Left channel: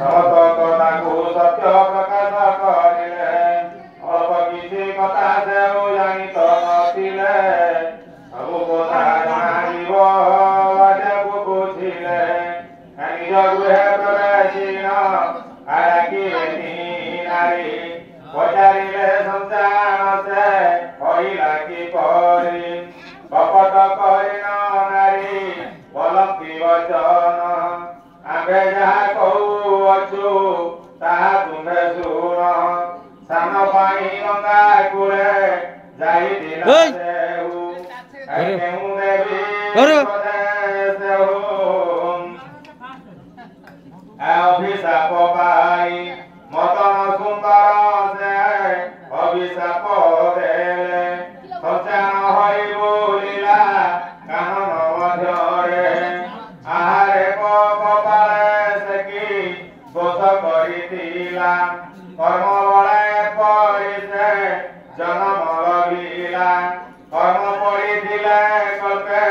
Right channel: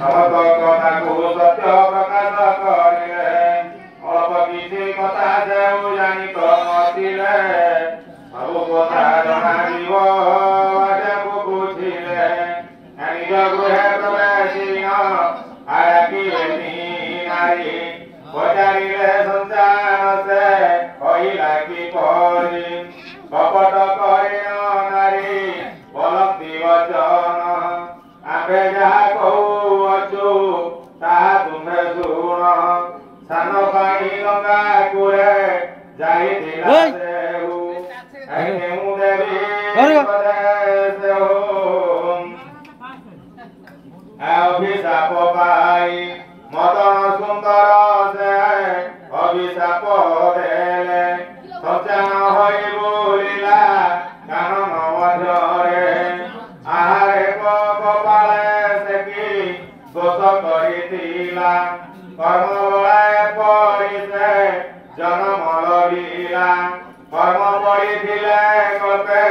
समस्तको सत्य प्रकाश करिले अल्प किछि कथा देउ जानि तो नथिले सबु कथा जनाइब बाजाको बुझिले निज गृहे प्रवेशिन आराकिलेनि नारी पचारिले संसार से कहिला कि परि कपट करिन नारी बलक्ति वचन आम्भे जहाँ कहू अछु ताहा तुम्हे शुण सान पानी गंगा कूले जाइथिला देहु केउ देवी पदेश हो अभिशाप पाई मदन सुंदर से अभिशाप देले सज्जन होई बोलिला कानन मध्यरे आहारे कपाले सेकी दोष करिथिला कर्म बलाए पड़िसे जन्म लगिला कर्म पड़िथिले कल्पे